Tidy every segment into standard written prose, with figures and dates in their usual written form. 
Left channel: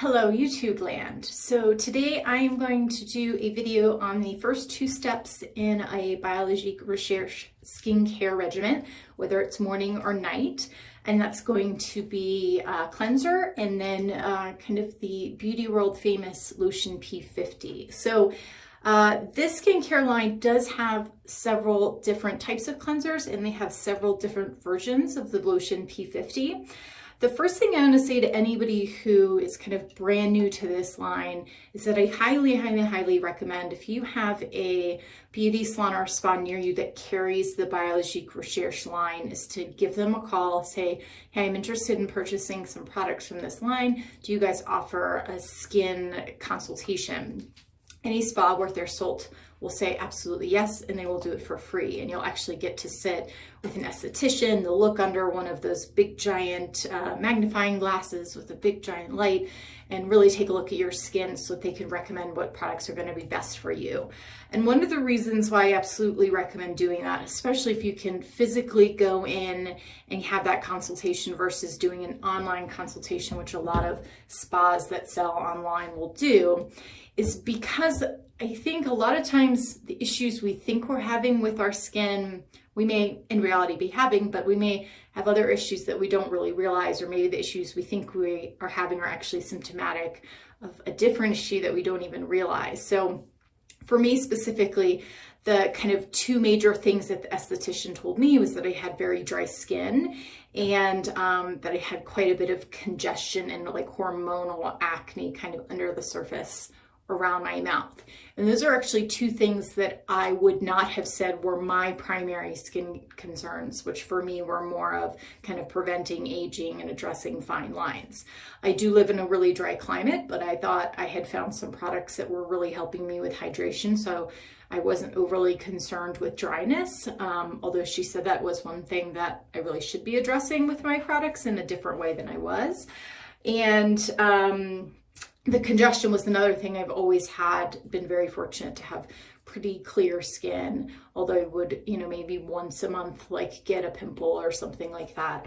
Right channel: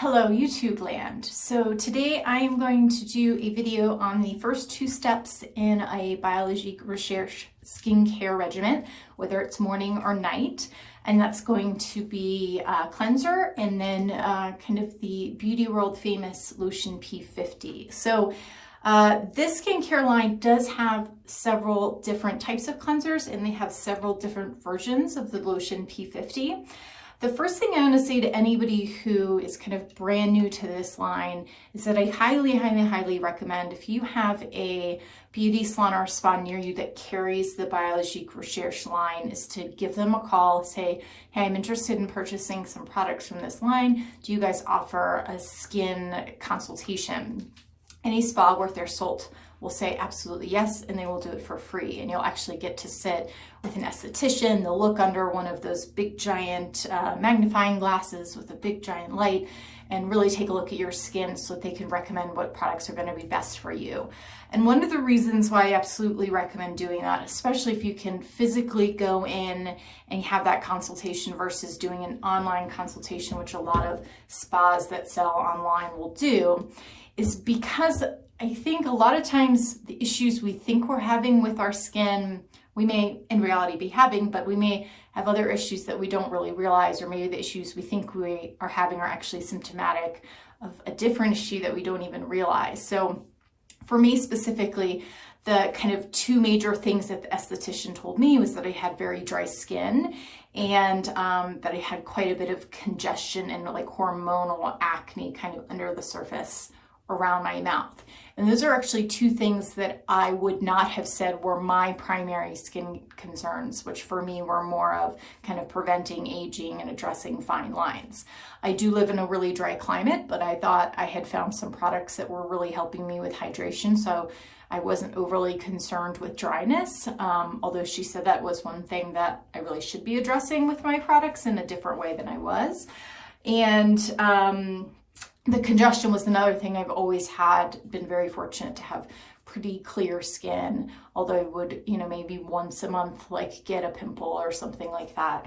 Hello YouTube land. So today I am going to do a video on the first two steps in a Biologique Recherche skincare regimen, whether it's morning or night. And that's going to be a cleanser and then kind of the beauty world famous Lotion P50. So this skincare line does have several different types of cleansers and they have several different versions of the Lotion P50. The first thing I'm going to say to anybody who is kind of brand new to this line is that I highly recommend, if you have a beauty salon or spa near you that carries the Biologique Recherche line, is to give them a call, say, hey, I'm interested in purchasing some products from this line. Do you guys offer a skin consultation? Any spa worth their salt will say absolutely yes, and they will do it for free. And you'll actually get to sit with an esthetician. They'll look under one of those big giant magnifying glasses with a big giant light and really take a look at your skin so that they can recommend what products are going to be best for you. And one of the reasons why I absolutely recommend doing that, especially if you can physically go in and have that consultation versus doing an online consultation, which a lot of spas that sell online will do, is because I think a lot of times the issues we think we're having with our skin, we may in reality be having, but we may have other issues that we don't really realize, or maybe the issues we think we are having are actually symptomatic of a different issue that we don't even realize. So for me specifically, the kind of two major things that the esthetician told me was that I had very dry skin and that I had quite a bit of congestion and like hormonal acne kind of under the surface around my mouth. And those are actually two things that I would not have said were my primary skin concerns, which for me were more of kind of preventing aging and addressing fine lines. I do live in a really dry climate, but I thought I had found some products that were really helping me with hydration, so I wasn't overly concerned with dryness, although she said that was one thing that I really should be addressing with my products in a different way than I was. And the congestion was another thing. I've always been very fortunate to have pretty clear skin, although I would, maybe once a month, like get a pimple or something like that.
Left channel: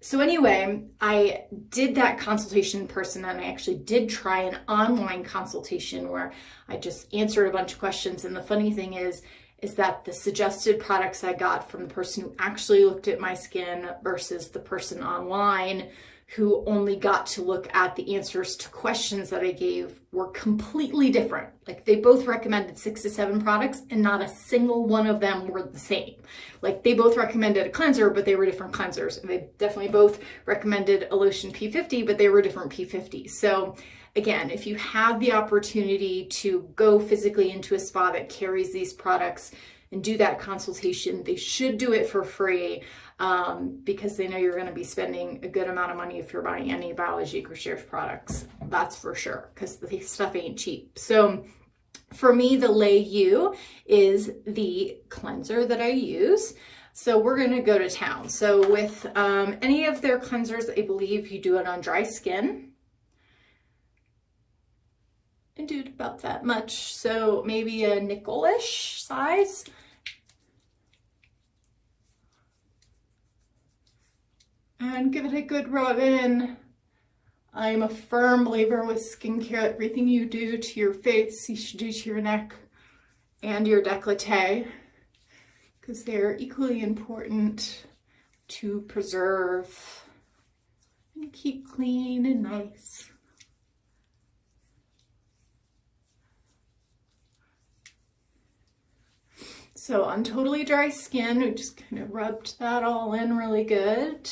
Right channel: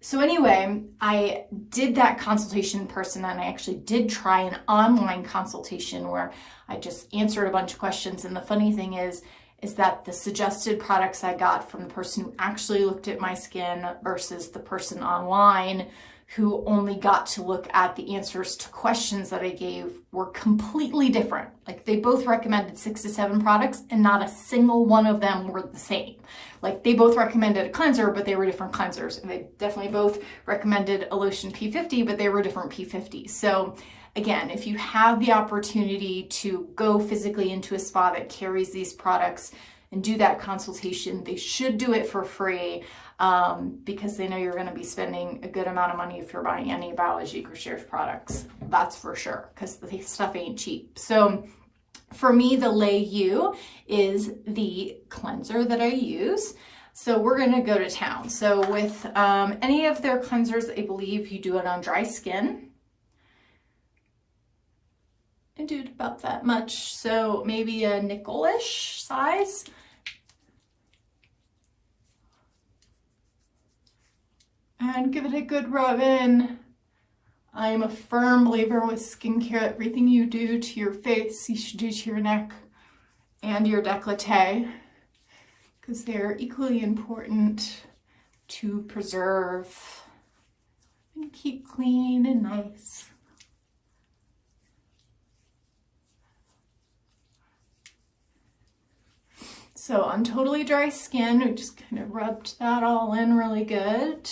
So anyway, I did that consultation in person, and I actually did try an online consultation where I just answered a bunch of questions. And the funny thing is that the suggested products I got from the person who actually looked at my skin versus the person online who only got to look at the answers to questions that I gave were completely different. Like they both recommended 6 to 7 products and not a single one of them were the same. Like they both recommended a cleanser, but they were different cleansers. And they definitely both recommended a Lotion P50, but they were different P50s. So again, if you have the opportunity to go physically into a spa that carries these products and do that consultation, they should do it for free. Because they know you're going to be spending a good amount of money if you're buying any Biologique Recherche products. That's for sure, because the stuff ain't cheap. So for me, the Lait is the cleanser that I use. So we're going to go to town. So with any of their cleansers, I believe you do it on dry skin. I do it about that much. So maybe a nickel-ish size. And give it a good rub in. I am a firm believer with skincare. Everything you do to your face, you should do to your neck and your décolleté, because they're equally important to preserve and keep clean and nice. So on totally dry skin, we just kind of rubbed that all in really good.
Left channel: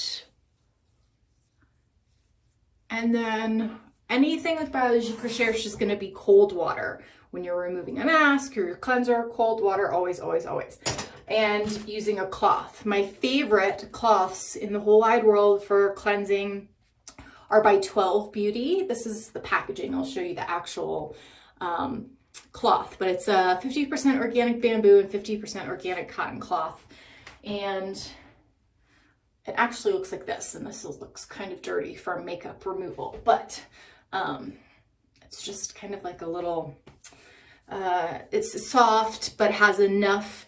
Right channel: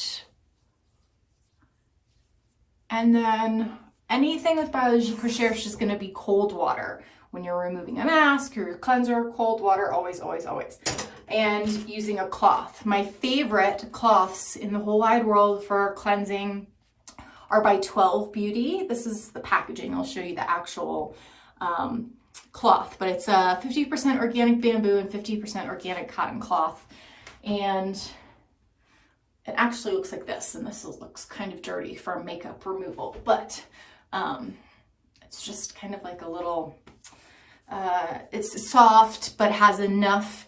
And then anything with Biologique Recherche is going to be cold water. When you're removing a mask or your cleanser, cold water, always. And using a cloth. My favorite cloths in the whole wide world for cleansing are by 12 Beauty. This is the packaging. I'll show you the actual cloth, but it's a 50% organic bamboo and 50% organic cotton cloth. And it actually looks like this, and this looks kind of dirty for makeup removal, but it's just kind of like a little, it's soft, but has enough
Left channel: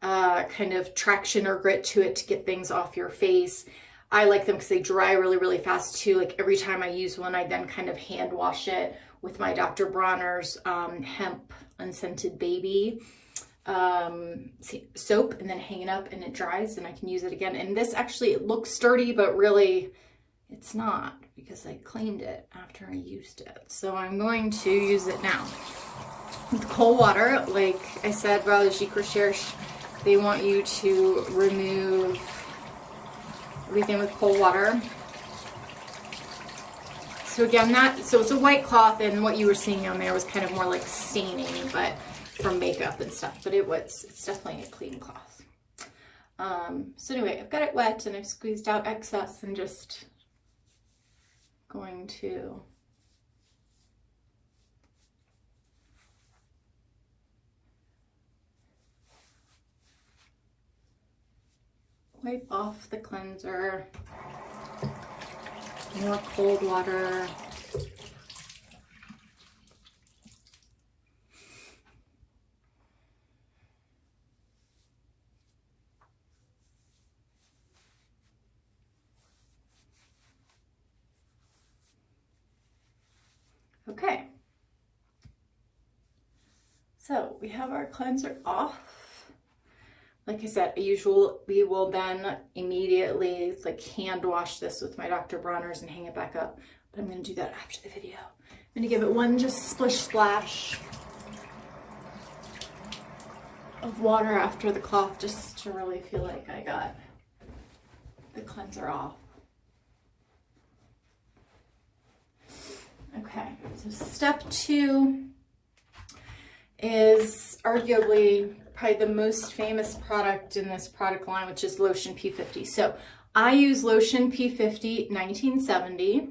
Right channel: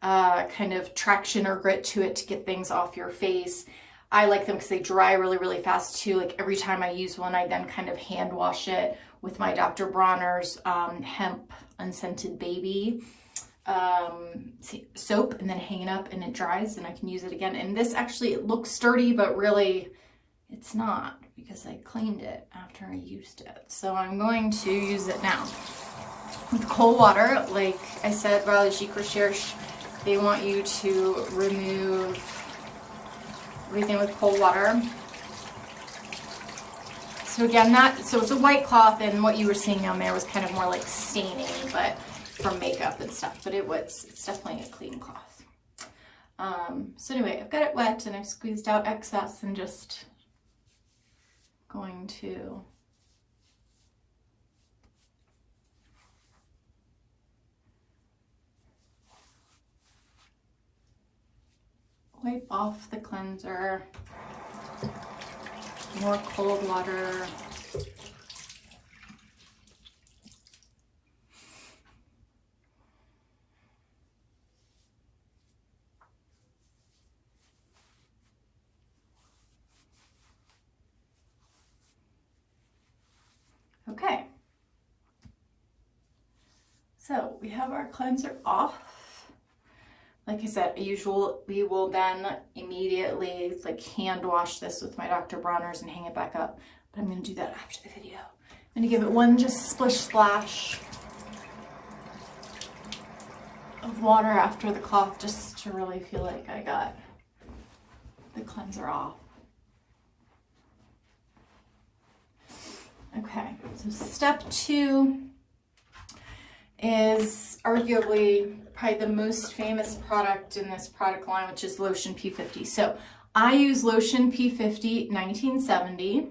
kind of traction or grit to it to get things off your face. I like them because they dry really, really fast too. Like every time I use one, I then kind of hand wash it with my Dr. Bronner's hemp unscented baby soap, and then hang it up and it dries and I can use it again. And this actually, it looks sturdy, but really it's not, because I cleaned it after I used it. So I'm going to use it now with cold water. Like I said, Biologique Recherche, they want you to remove everything with cold water. So again, so it's a white cloth, and what you were seeing on there was kind of more like staining, but from makeup and stuff, but it's definitely a clean cloth. So anyway, I've got it wet and I've squeezed out excess and just going to wipe off the cleanser, more cold water. Okay, so we have our cleanser off. Like I said, we will then immediately like hand wash this with my Dr. Bronner's and hang it back up. But I'm going to do that after the video. I'm going to give it one just splish splash of water after the cloth, just to really feel like I got the cleanser off. Okay, so step 2 is arguably probably the most famous product in this product line, which is Lotion P50. So I use Lotion P50 1970,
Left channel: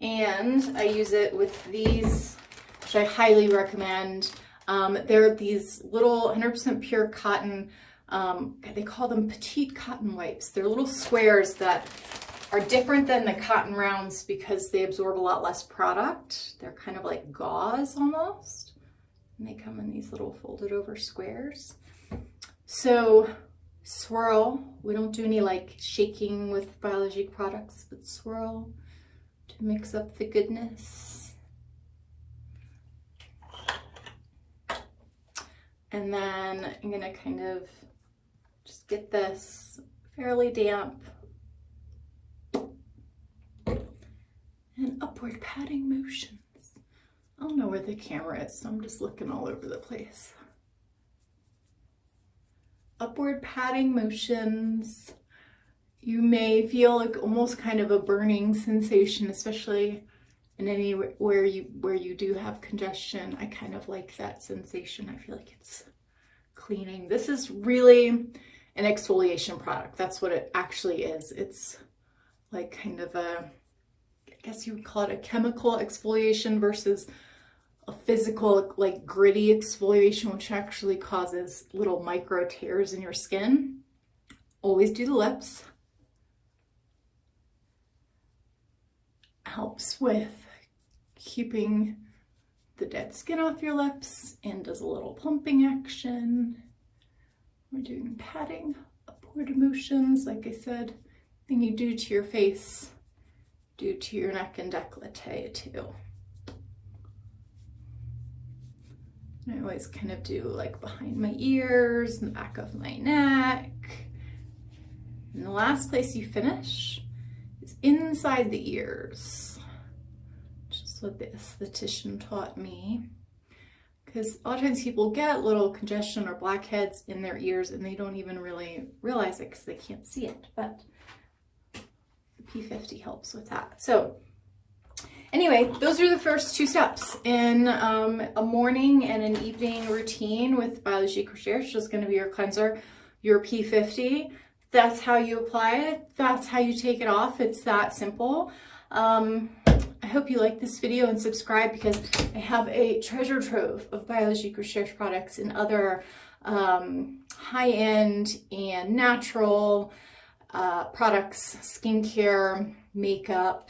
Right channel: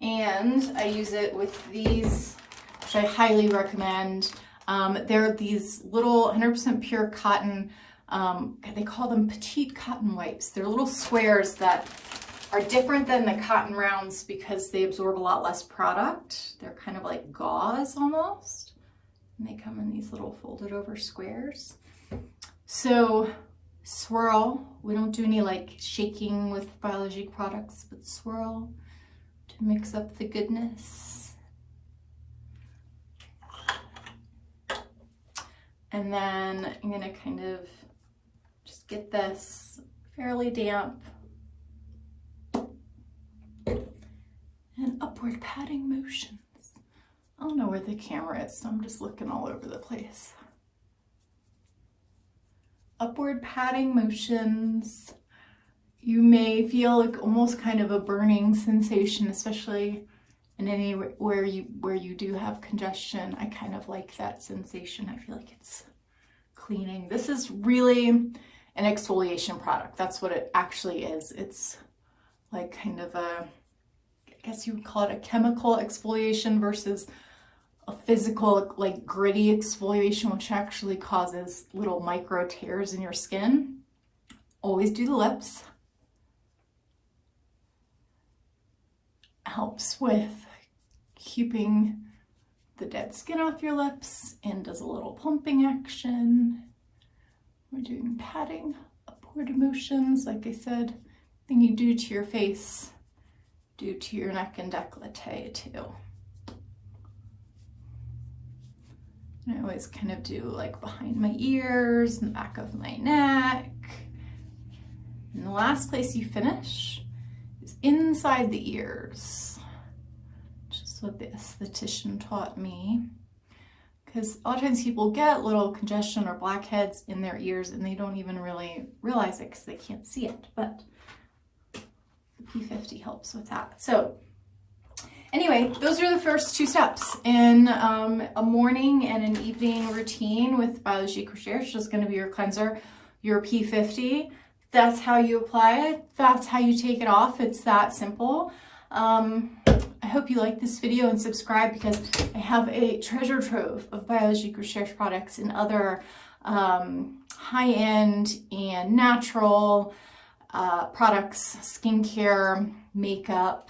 and I use it with these, which I highly recommend. They're these little 100% pure cotton, they call them petite cotton wipes. They're little squares that are different than the cotton rounds because they absorb a lot less product. They're kind of like gauze almost. And they come in these little folded over squares. So swirl. We don't do any like shaking with Biologique products, but swirl to mix up the goodness. And then I'm gonna kind of just get this fairly damp and upward patting motions. I don't know where the camera is, so I'm just looking all over the place. Upward patting motions. You may feel like almost kind of a burning sensation, especially in anywhere where you do have congestion. I kind of like that sensation. I feel like it's cleaning. This is really an exfoliation product. That's what it actually is. It's like kind of a, I guess you would call it a chemical exfoliation versus a physical, like gritty exfoliation, which actually causes little micro tears in your skin. Always do the lips. Helps with keeping the dead skin off your lips and does a little plumping action. We're doing patting, upward motions, like I said, thing you do to your face, do to your neck and décolleté too. And I always kind of do like behind my ears and the back of my neck. And the last place you finish is inside the ears. Just what the esthetician taught me. Because a lot of times people get little congestion or blackheads in their ears and they don't even really realize it because they can't see it. But the P50 helps with that. So anyway, those are the first 2 steps in a morning and an evening routine with Biologique Recherche. Just going to be your cleanser, your P50. That's how you apply it. That's how you take it off. It's that simple. I hope you like this video and subscribe, because I have a treasure trove of Biologique Recherche products and other high-end and natural products, skincare, makeup,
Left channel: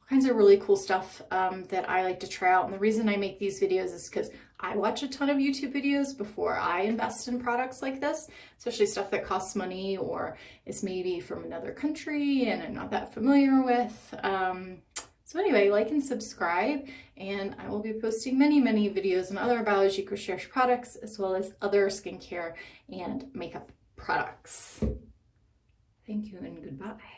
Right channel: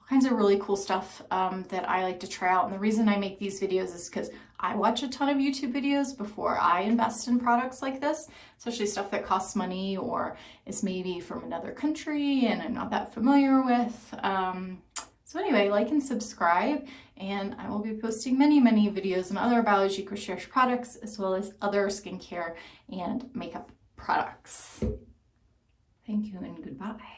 all kinds of really cool stuff that I like to try out. And the reason I make these videos is because I watch a ton of YouTube videos before I invest in products like this, especially stuff that costs money or is maybe from another country and I'm not that familiar with. So anyway, like and subscribe, and I will be posting many videos on other Biologique Recherche products as well as other skincare and makeup products. Thank you and goodbye.